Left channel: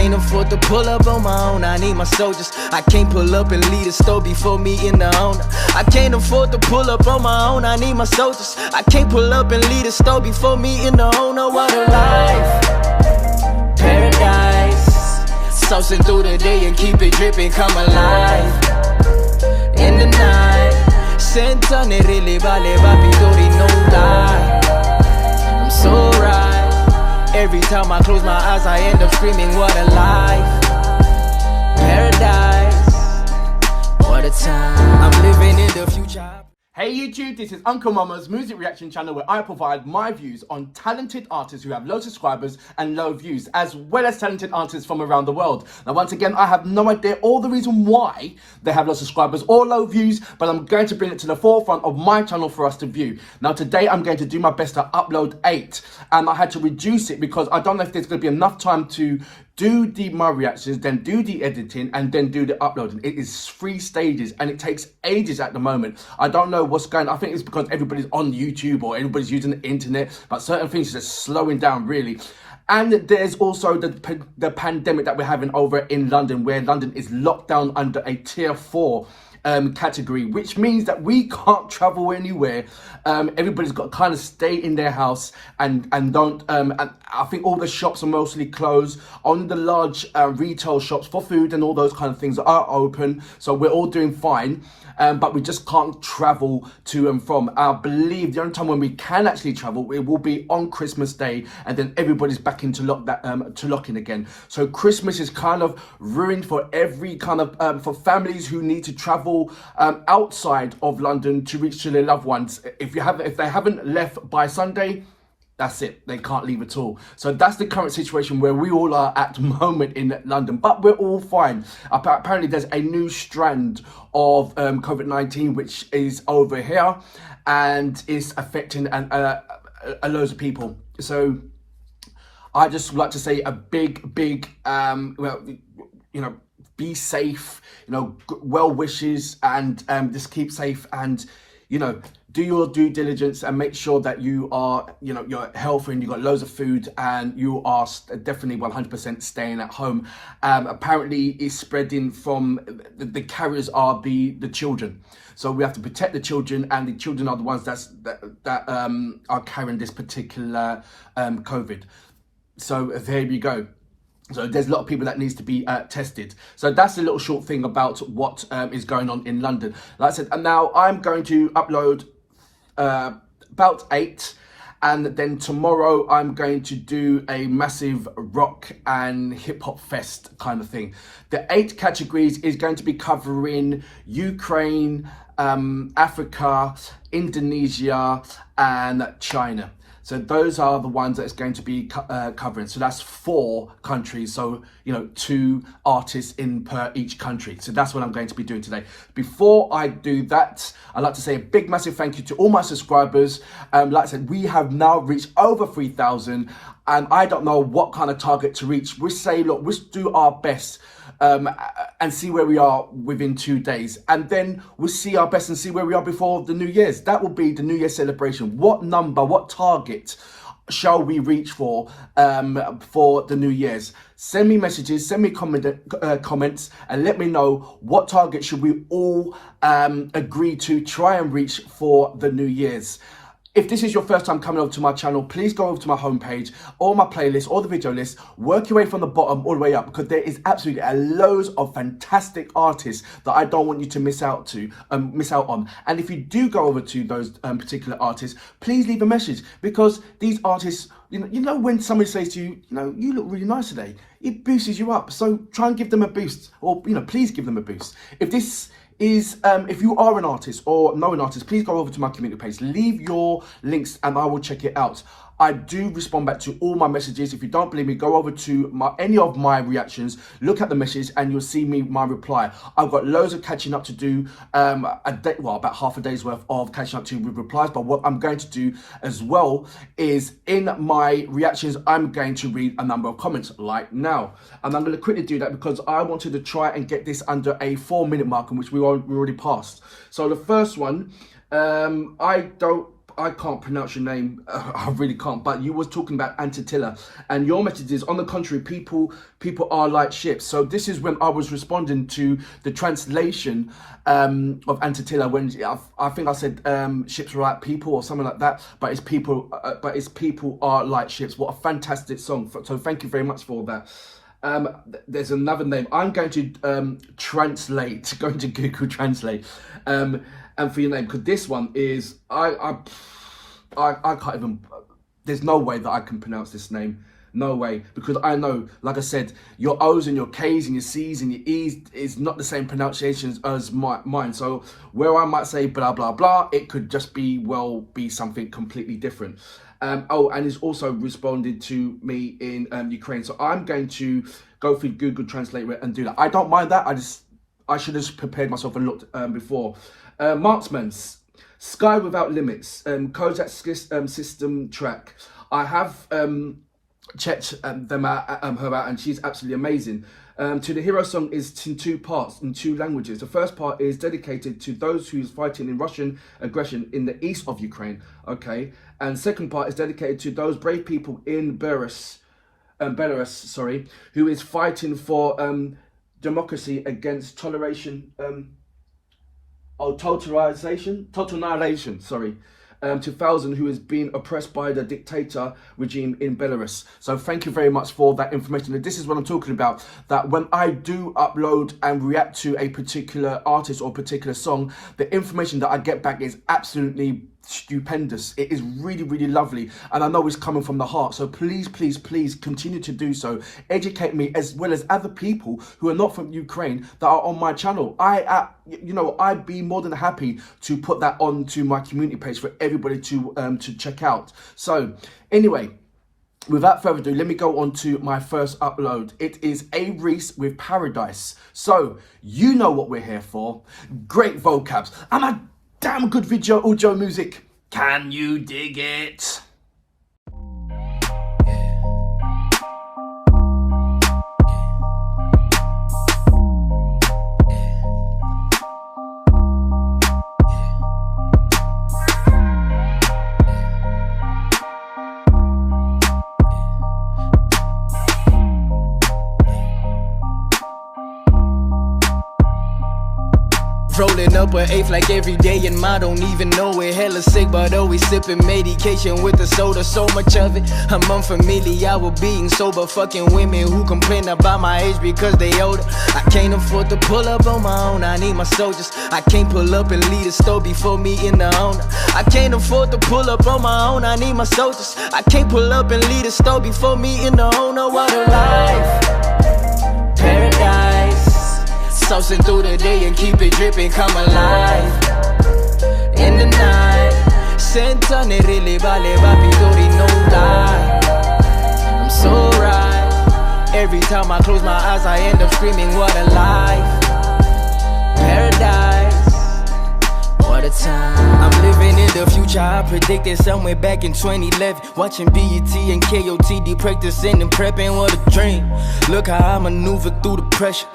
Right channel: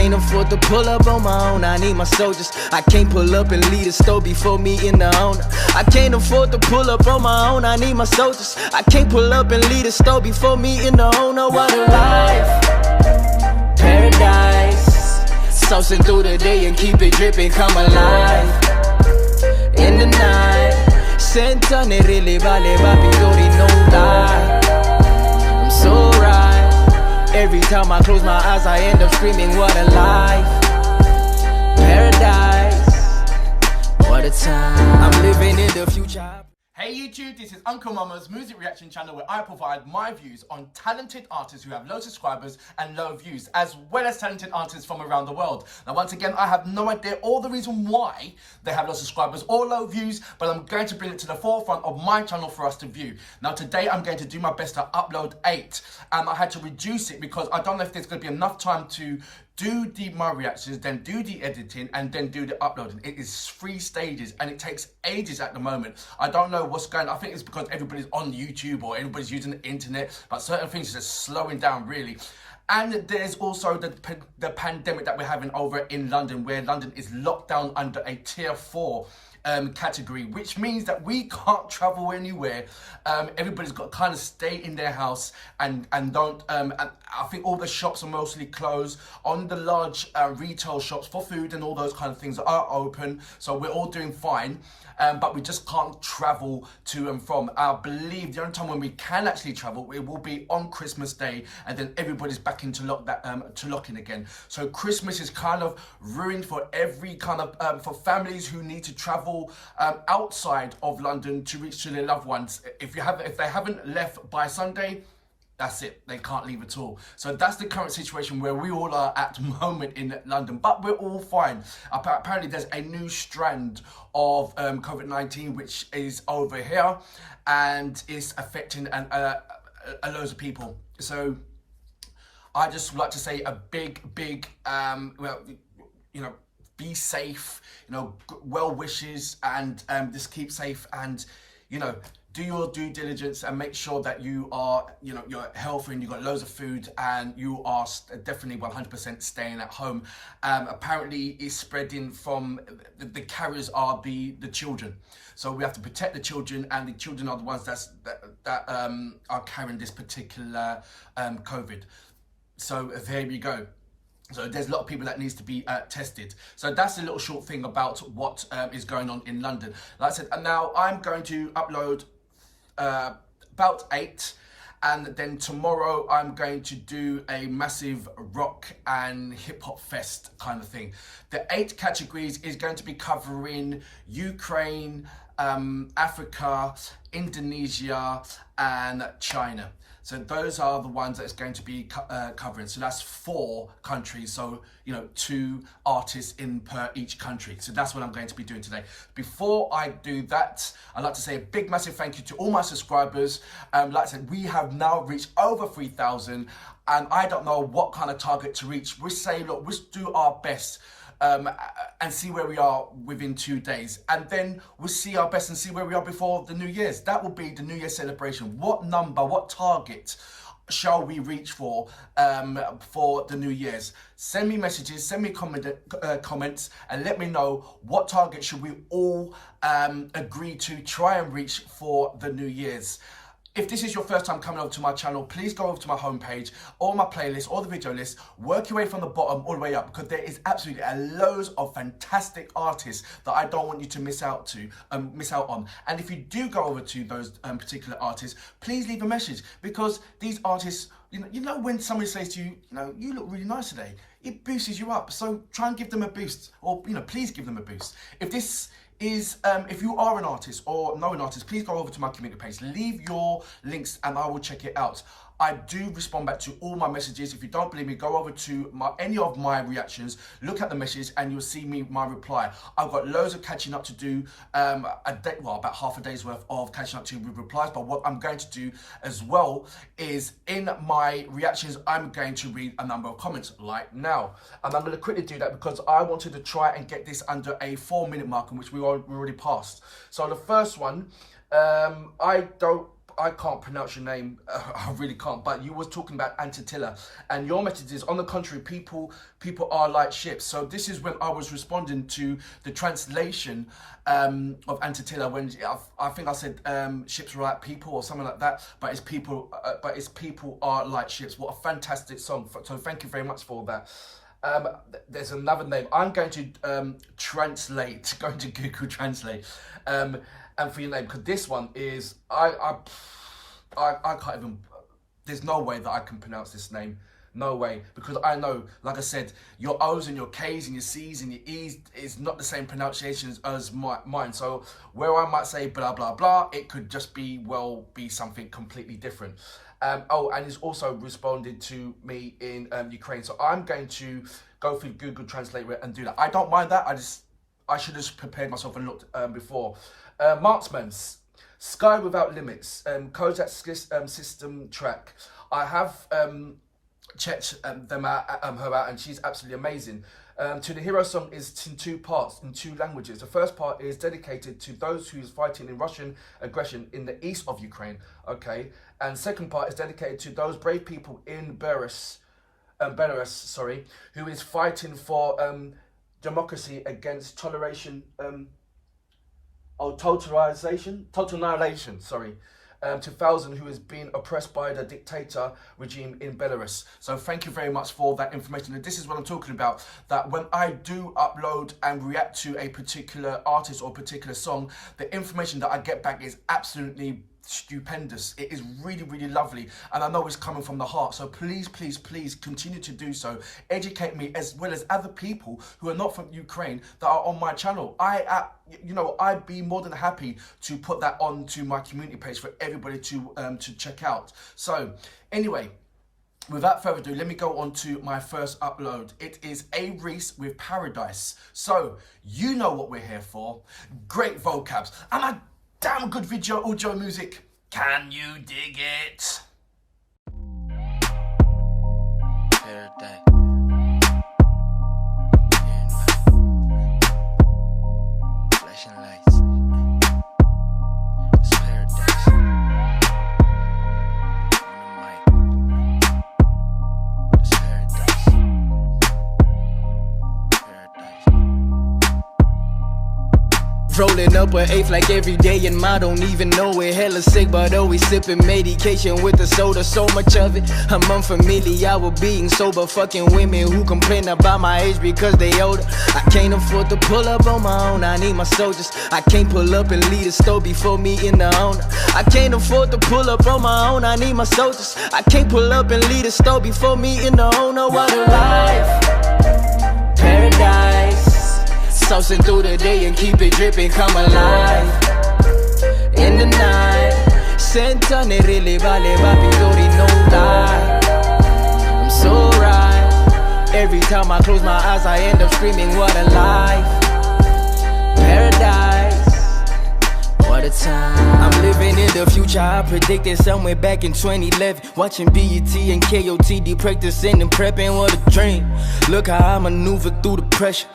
can't afford to pull up on my own, I need my soldiers. I can't pull up and lead a store before me in the owner. I can't afford to pull up on my own, I need my soldiers. I can't pull up and lead a store before me in the owner. What a life, paradise. Saucing through the day and keep it dripping, come alive in the night. Senta ne really vale papi dori no lie. I'm so right. Every time I close my eyes I end up screaming, what a life, paradise. What a time, I'm living in the future. Hey YouTube, this is Uncle Mama's music reaction channel where I provide my views on talented artists who have low subscribers and low views, as well as talented artists from around the world. Now once again, I have no idea all the reason why they have low subscribers or low views, but I'm going to bring it to the forefront of my channel for us to view. Now today I'm going to do my best to upload 8, and I had to reduce it because I don't know if there's going to be enough time to do my reactions, then do the editing, and then do the uploading. It is 3 stages and it takes ages at the moment. I don't know what's going on. I think it's because everybody's on YouTube or everybody's using the internet, but certain things are just slowing down really. And there's also the pandemic that we're having over in London, where London is locked down under a tier 4 category, which means that we can't travel anywhere. Everybody's got to kind of stay in their house and don't and I think all the shops are mostly closed. On the large retail shops for food and all those kind of things are open, so we're all doing fine, but we just can't travel to and from. I believe the only time when we can actually travel, it will be on Christmas Day, and then everybody's back into lock-in again. So Christmas is kind of ruined for every kind of for families who need to travel outside of London to reach to their loved ones. If they haven't left by Sunday, that's it, they can't leave at all. So that's the current situation where we all are at the moment in London, but we're all fine. Apparently there's a new strand of COVID-19 which is over here and is affecting loads of people. So I just would like to say a big well, you know, be safe, you know, well wishes, and just keep safe, and you know, do your due diligence and make sure that you are, you know, you're healthy and you've got loads of food and you are definitely 100% staying at home. Apparently it's spreading from, the carriers are the children. So we have to protect the children, and the children are the ones that are carrying this particular COVID. So there you go. So there's a lot of people that needs to be tested. So that's a little short thing about what is going on in London. Like I said, and now I'm going to upload about 8, and then tomorrow I'm going to do a massive rock and hip hop fest kind of thing. The 8 categories is going to be covering Ukraine, Africa, Indonesia, and China. So those are the ones that it's going to be covering. So that's 4 countries. So, you know, 2 artists in per each country. So that's what I'm going to be doing today. Before I do that, I'd like to say a big, massive thank you to all my subscribers. Like I said, we have now reached over 3,000, and I don't know what kind of target to reach. We say, look, we'll do our best and see where we are within 2 days, and then we'll see our best and see where we are before the New Year's. That will be the New Year celebration. What number, what target shall we reach for the New Year's? Send me messages, send me comments, and let me know what target should we all agree to try and reach for the New Year's. If this is your first time coming over to my channel, please go over to my homepage or my playlist or the video list, work your way from the bottom all the way up, because there is absolutely loads of fantastic artists that I don't want you to miss out on. And if you do go over to those particular artists, please leave a message, because these artists, you know when somebody says to you, you know, you look really nice today, it boosts you up. So try and give them a boost, or, you know, please give them a boost. If this is, if you are an artist or know an artist, please go over to my community page, leave your links and I will check it out. I do respond back to all my messages. If you don't believe me, go over to any of my reactions, look at the message, and you'll see my reply. I've got loads of catching up to do, about half a day's worth of catching up to with replies. But what I'm going to do as well is, in my reactions, I'm going to read a number of comments like now. And I'm going to quickly do that because I wanted to try and get this under a 4-minute mark, in which we already passed. So the first one, I I can't pronounce your name. I really can't. But you was talking about Antitilla, and your message is, on the contrary, people are like ships. So this is when I was responding to the translation of Antitilla, when I think I said ships are like people or something like that. But it's people are like ships. What a fantastic song! So thank you very much for that. There's another name. I'm going to translate, going to Google Translate, and for your name, because this one is, I can't even, there's no way that I can pronounce this name. No way, because I know, like I said, your O's and your K's and your C's and your E's is not the same pronunciations as mine. So where I might say blah, blah, blah, it could just be something completely different. And he's also responded to me in Ukraine. So I'm going to go through Google Translate and do that. I don't mind that. I should have prepared myself and looked before. Marksman's Sky Without Limits, Kozak system track. I have checked her out, and she's absolutely amazing. To the Hero song is in two parts, in two languages. The first part is dedicated to those who's fighting in Russian aggression in the east of Ukraine, okay? And second part is dedicated to those brave people in Belarus, who is fighting for democracy against total annihilation, to thousands who is being oppressed by the dictator regime in Belarus. So thank you very much for that information. And this is what I'm talking about, that when I do upload and react to a particular artist or particular song, the information that I get back is absolutely stupendous. It is really, really lovely, and I know it's coming from the heart. So please continue to do so. Educate me as well as other people who are not from Ukraine that are on my channel. I'd be more than happy to put that onto my community page for everybody to check out. So anyway, without further ado, let me go on to my first upload. It is A-Reece with Paradise. So you know what we're here for. Great vocabs and a damn good audio music. Can you dig it? Rolling up an eighth like every day, and I don't even know it. Hella sick, but always sipping medication with the soda. So much of it, I'm unfamiliar with being sober. Fucking women who complain about my age because they older. I can't afford to pull up on my own, I need my soldiers. I can't pull up and lead a store before me in the owner. I can't afford to pull up on my own, I need my soldiers. I can't pull up and lead a store before me in the owner. What a life, paradise. Saucing through the day and keep it dripping, come alive in the night. Sentane really vale papi dori no lie. I'm so right. Every time I close my eyes I end up screaming, what a life, paradise. What a time. I'm living in the future, I predicted somewhere back in 2011. Watching BET and KOTD practicing and prepping, what a dream. Look how I maneuver through the pressure,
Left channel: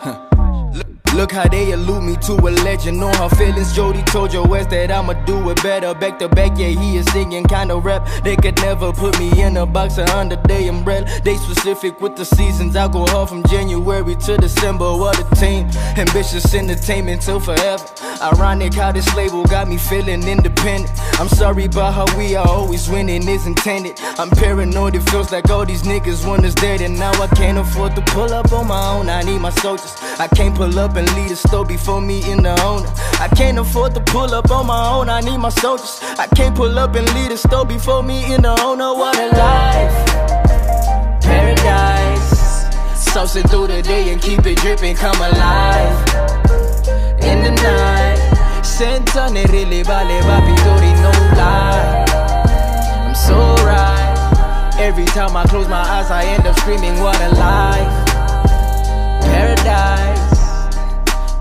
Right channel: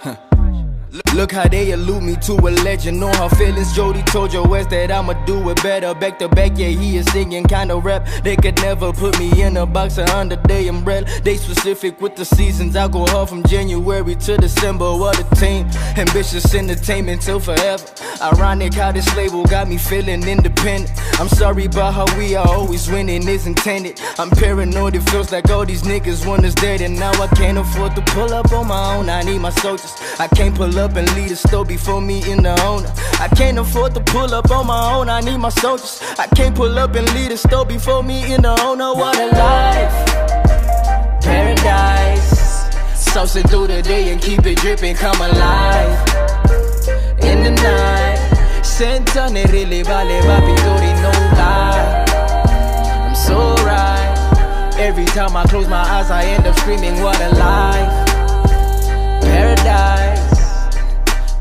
Look how they allude me to a legend. Know her feelings, Jody told your West that I'ma do it better. Back to back, yeah, he is singing kinda rap. They could never put me in a box or under their umbrella. They specific with the seasons, I go hard from January to December. What a team, ambitious entertainment till forever. Ironic how this label got me feeling independent. I'm sorry about how we are always winning is intended. I'm paranoid, it feels like all these niggas want us dead. And now I can't afford to pull up on my own, I need my soldiers. I can't pull up and lead a store before me in the owner. I can't afford to pull up on my own, I need my soldiers. I can't pull up and lead a store before me in the owner. What a life, paradise. Saucing through the day and keep it dripping, come alive in the night. Sentane really vale papi dori no lie. I'm so right. Every time I close my eyes I end up screaming, what a life, paradise.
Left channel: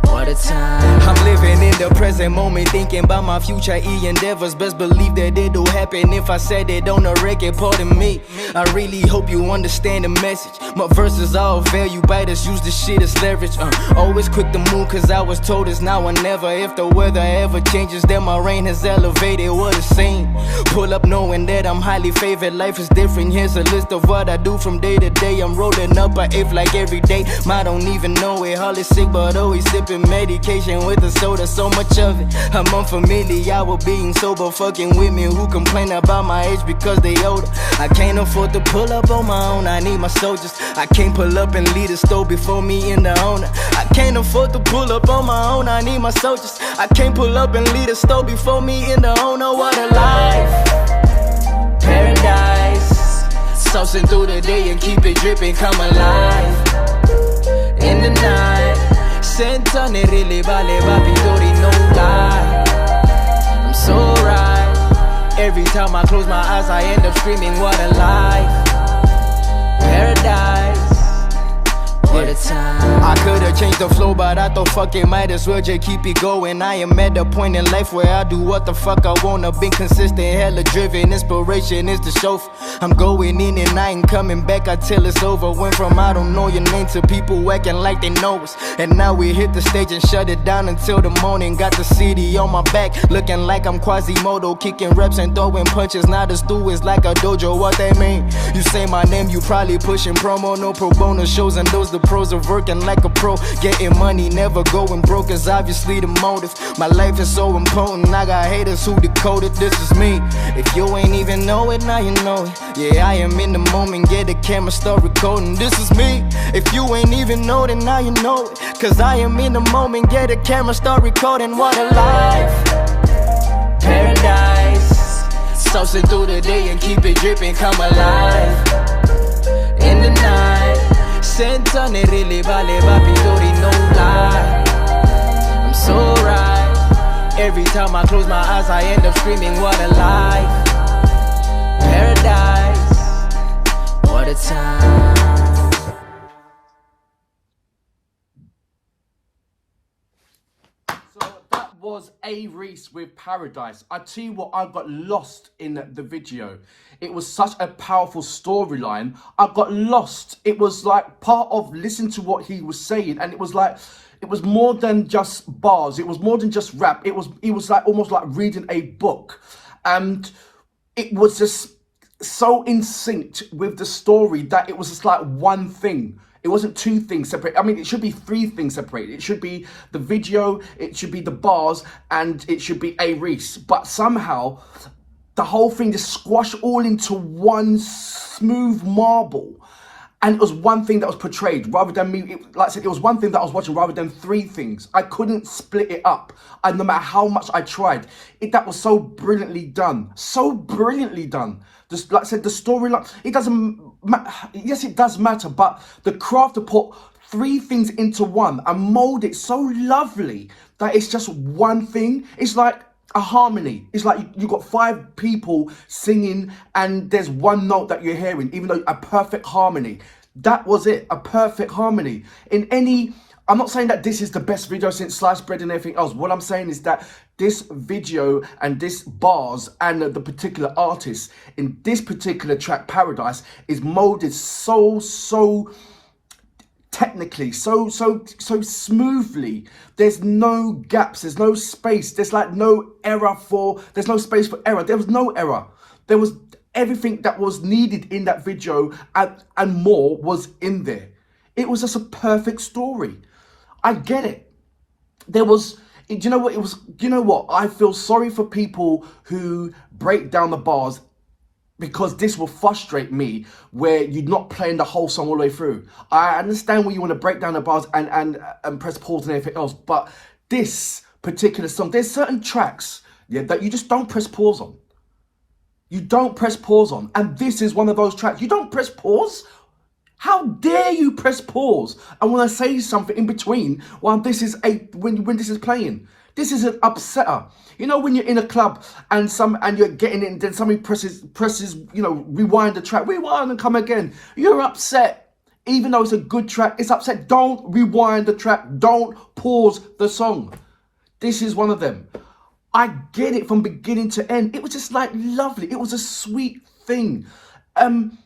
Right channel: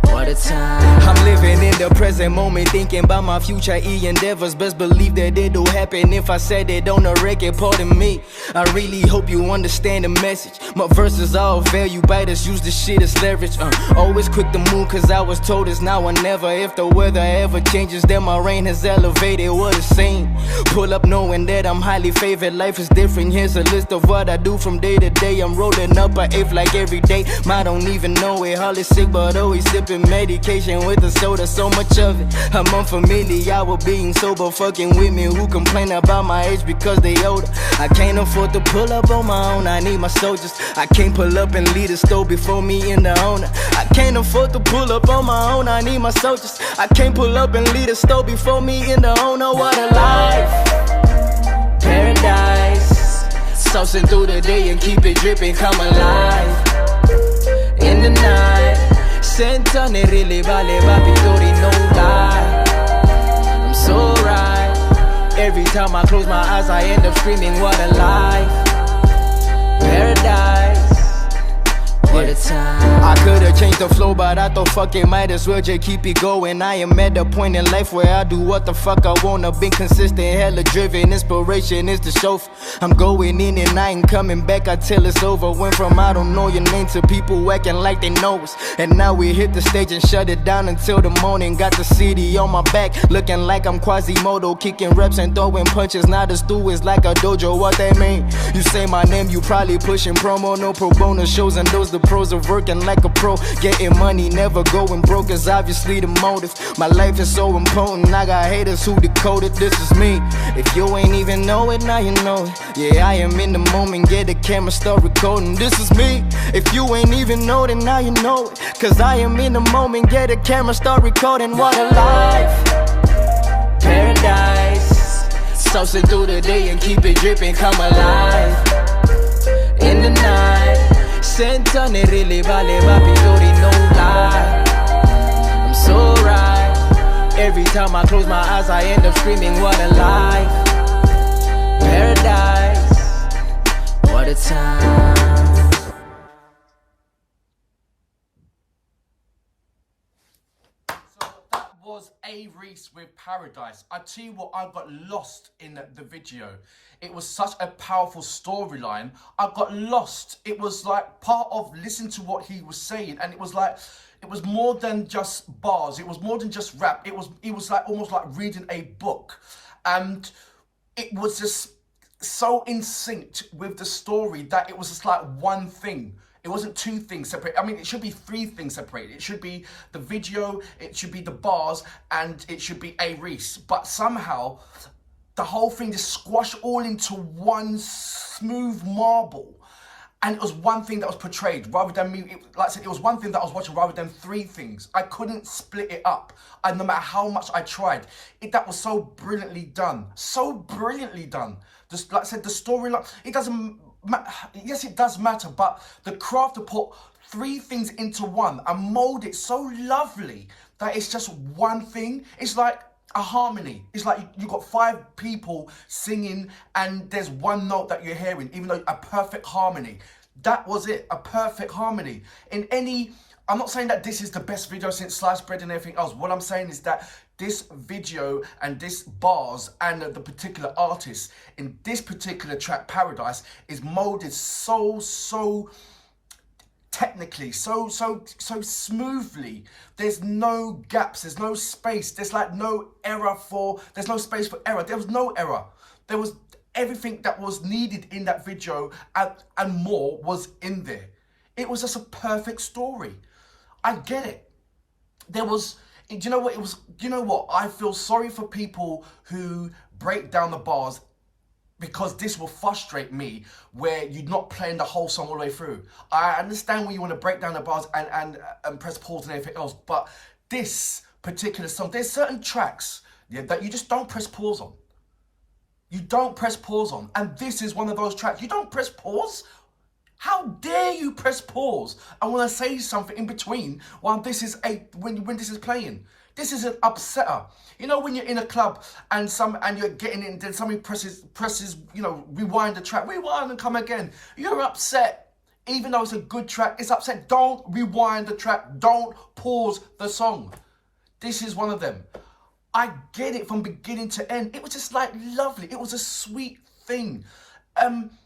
What a time. I'm living in the present moment, thinking about my future endeavors. Best believe that it'll happen if I said it on the record. Pardon me, I really hope you understand the message. My verses all value biters, use this shit as leverage. Always quick to move, cause I was told it's now or never. If the weather ever changes, then my reign has elevated what it's seen. Pull up knowing that I'm highly favored. Life is different, here's a list of what I do from day to day. I'm rolling up an eighth like every day. I don't even know it, hardly sick but always sipping medication with a soda, so much of it. I'm unfamiliar with being sober, fucking with me who complain about my age because they older. I can't afford to pull up on my own, I need my soldiers. I can't pull up and lead a store before me in the owner. I can't afford to pull up on my own, I need my soldiers. I can't pull up and lead a store before me in the owner. What a life, paradise. Saucing through the day and keep it dripping, come alive. In the night, senta ne really vale papi dori, no lie. I'm so right. Every time I close my eyes, I end up screaming, what a life, paradise. What a time. I could've changed the flow, but I thought fuck it, might as well just keep it going. I am at a point in life where I do what the fuck I wanna. Been consistent, hella driven, inspiration is the chauffeur. I'm going in and I ain't coming back until it's over. Went from I don't know your name to people acting like they know us. And now we hit the stage and shut it down until the morning. Got the city on my back, looking like I'm Quasimodo, kicking reps and throwing punches. Now the stew is like a dojo, what that mean? You say my name, you probably pushing promo, no pro bono shows, and those the pros of working like a pro. Getting money, never going broke is obviously the motive. My life is so important, I got haters who decoded. This is me. If you ain't even know it, now you know it. Yeah, I am in the moment, get the camera, start recording. This is me. If you ain't even know it, now you know it. Cause I am in the moment, get the camera, start recording. What a life, paradise. Saucing through the day and keep it dripping, come alive. In the night, senta ne really vale papi dori, no lie. I'm so right. Every time I close my eyes, I end up screaming, what a life, paradise. What a time. So that was A-Reece with Paradise. I tell you what, I got lost in the video. It was such a powerful storyline. I got lost. It was like part of listening to what he was saying, and it was like, it was more than just bars. It was more than just rap. It was like almost like reading a book, and it was just so in sync with the story that it was just like one thing. It wasn't two things separate. I mean, it should be three things separated. It should be the video, it should be the bars, and it should be A-Reece. But somehow, the whole thing just squashed all into one smooth marble. And it was one thing that was portrayed rather than me. Like I said, it was one thing that I was watching rather than three things. I couldn't split it up. And no matter how much I tried, that was so brilliantly done. So brilliantly done. Just like I said, the storyline, it doesn't matter. Yes, it does matter, but the craft to put three things into one and mold it so lovely that it's just one thing. It's like a harmony. It's like you got five people singing and there's one note that you're hearing, even though a perfect harmony. That was it, a perfect harmony. I'm not saying that this is the best video since sliced bread and everything else. What I'm saying is that this video and this bars and the particular artist in this particular track, Paradise, is molded so technically, so smoothly. There's no gaps, there's no space, there's like there's no space for error. There was no error. There was everything that was needed in that video and more was in there. It was just a perfect story. I get it. Do you know what? I feel sorry for people who break down the bars, because this will frustrate me where you're not playing the whole song all the way through. I understand when you want to break down the bars and press pause and everything else, but this particular song, there's certain tracks that you just don't press pause on. You don't press pause on. And this is one of those tracks. You don't press pause? How dare you press pause and want to say something in between while this is when this is playing? This is an upsetter. You know when you're in a club and you're getting it and then somebody presses, rewind the track, rewind and come again. You're upset. Even though it's a good track, it's upset. Don't rewind the track. Don't pause the song. This is one of them. I get it from beginning to end. It was just like lovely. It was a sweet thing. I'm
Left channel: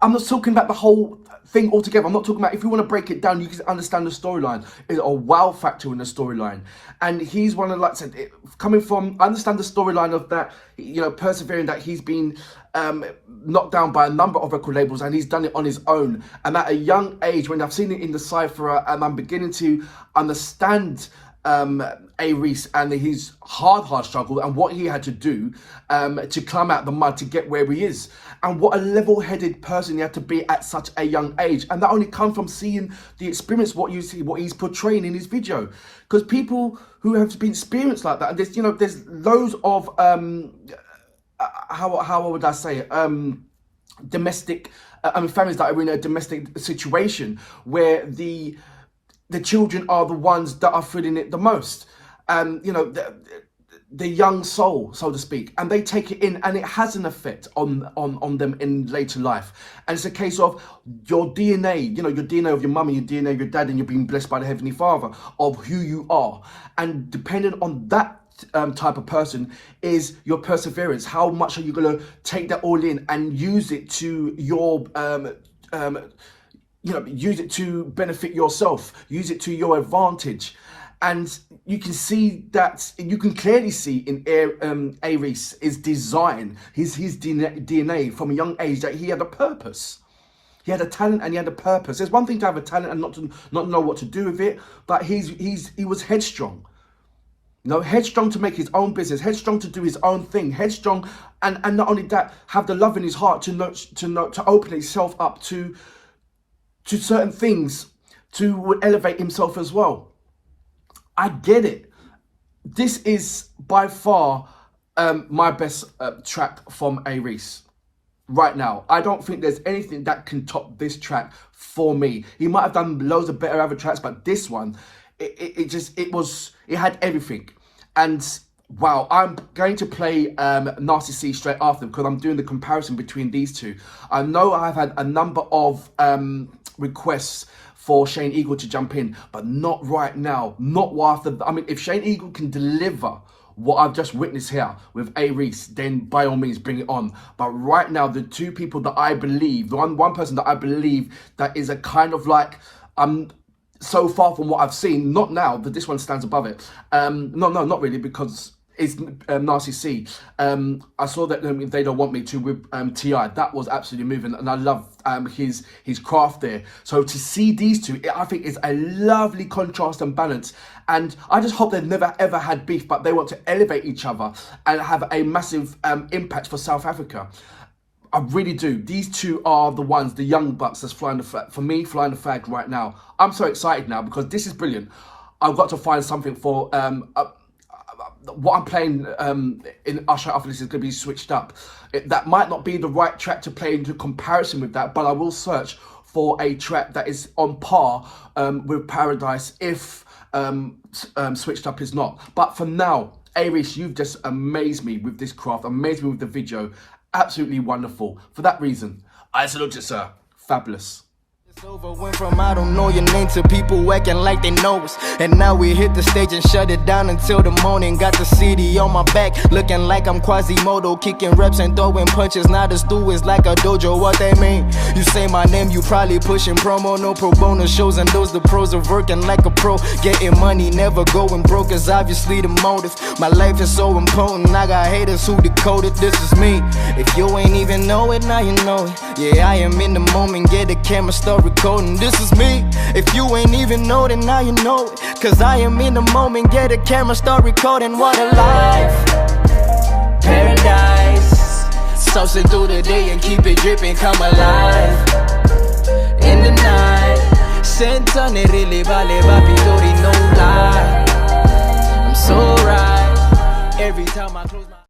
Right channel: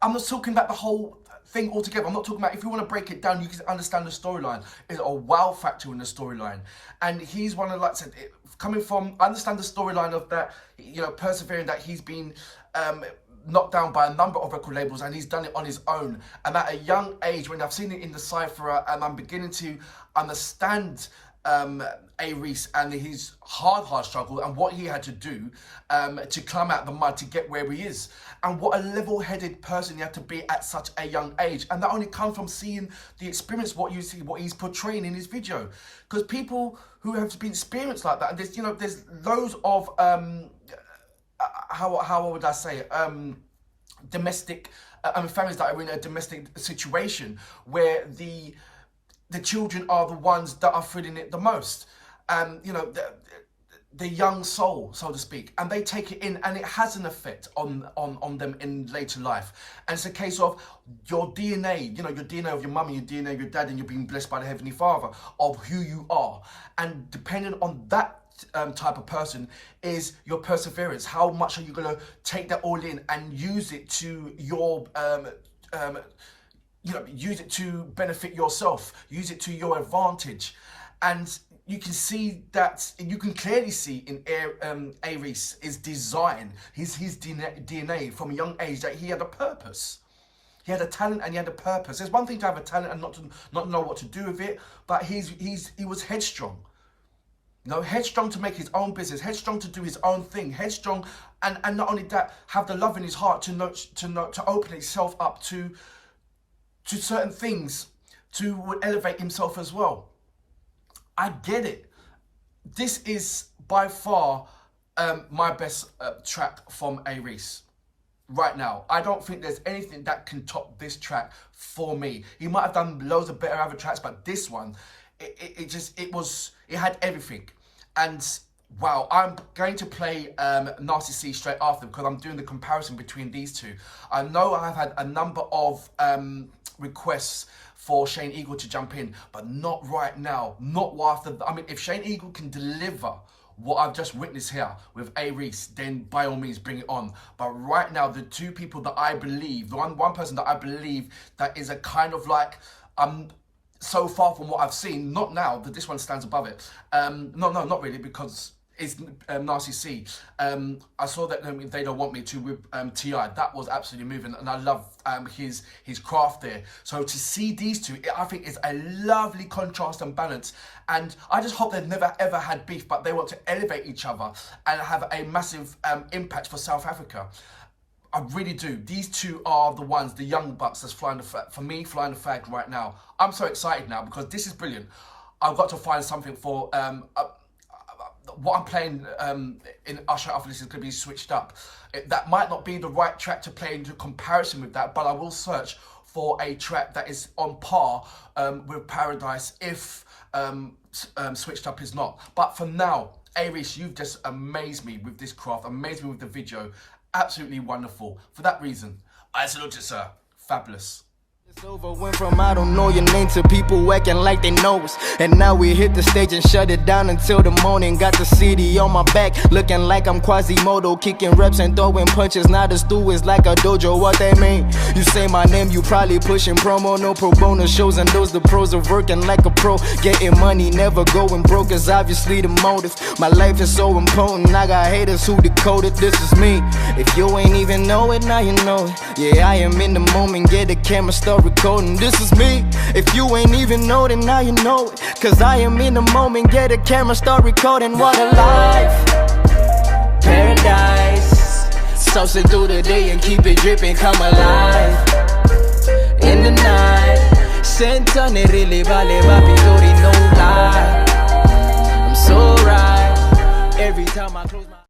not talking about the whole thing altogether. I'm not talking about, if you want to break it down, you can understand the storyline. There's a wow factor in the storyline. And he's one of, like I said, coming from, I understand the storyline of that, you know, persevering, that he's been knocked down by a number of record labels and he's done it on his own. And at a young age, when I've seen it in the Cypher and I'm beginning to understand A-Reece and his hard struggle and what he had to do to climb out the mud to get where he is, and what a level-headed person he had to be at such a young age. And that only comes from seeing the experience, what you see, what he's portraying in his video. Because people who have been experienced like that, and there's, you know, there's loads of how would I say it, domestic, families that are in a domestic situation where the children are the ones that are feeling it the most. You know, the young soul, so to speak, and they take it in, and it has an effect on them in later life. And it's a case of your DNA, you know, your DNA of your mum and your DNA of your dad, and you're being blessed by the Heavenly Father of who you are. And depending on that type of person is your perseverance. How much are you going to take that all in and use it to your you know, use it to benefit yourself, use it to your advantage. And you can see that, you can clearly see in A-Reece, his design, his DNA from a young age, that he had a purpose. He had a talent and he had a purpose. There's one thing to have a talent and not know what to do with it, but he was headstrong. You know, headstrong to make his own business, headstrong to do his own thing, headstrong, and not only that, have the love in his heart to open himself up to certain things, to elevate himself as well. I get it. This is by far my best track from A-Reece right now. I don't think there's anything that can top this track for me. He might have done loads of better other tracks, but this one, it had everything. And wow, I'm going to play Nasty C straight after, because I'm doing the comparison between these two. I know I've had a number of requests for Shane Eagle to jump in, but not right now. Not after. I mean, if Shane Eagle can deliver what I've just witnessed here with A-Reece, then by all means bring it on. But right now, the two people that I believe, the one person that I believe that is a kind of like, so far from what I've seen, not now, that this one stands above it. No, not really, because it's Nasty C. I saw that They Don't Want Me to with T.I. That was absolutely moving, and I love his craft there. So to see these two, I think is a lovely contrast and balance. And I just hope they've never ever had beef, but they want to elevate each other and have a massive impact for South Africa. I really do. These two are the ones, the young bucks that's flying the flag. For me, flying the flag right now. I'm so excited now because this is brilliant. I've got to find something for what I'm playing in Usher after this is going to be switched up. That might not be the right track to play into comparison with that, but I will search for a track that is on par with Paradise if switched up is not. But for now, A-Reece, you've just amazed me with this craft, amazed me with the video. Absolutely wonderful. For that reason, I salute you, sir. Fabulous. It's over, went from I don't know your name to people acting like they know us. And now we hit the stage and shut it down until the morning. Got the CD on my back, looking like I'm Quasimodo, kicking reps and throwing punches. Now the stew is like a dojo, what they mean? You say my name, you probably pushing promo, no pro bono shows, and those the pros are working like a pro. Getting money, never going broke is obviously the motive. My life is so important, I got haters who decode it. This is me. If you ain't even know it, now you know it. Yeah, I am in the moment, get the camera, start recording. This is me. If you ain't even know it, now you know it. Cause I am in the moment, get a camera, start recording. What a life. Paradise. Saucing through the day and keep it dripping, come alive. In the night. Sentane really vale papi, no lie. I'm so right. Every time I close my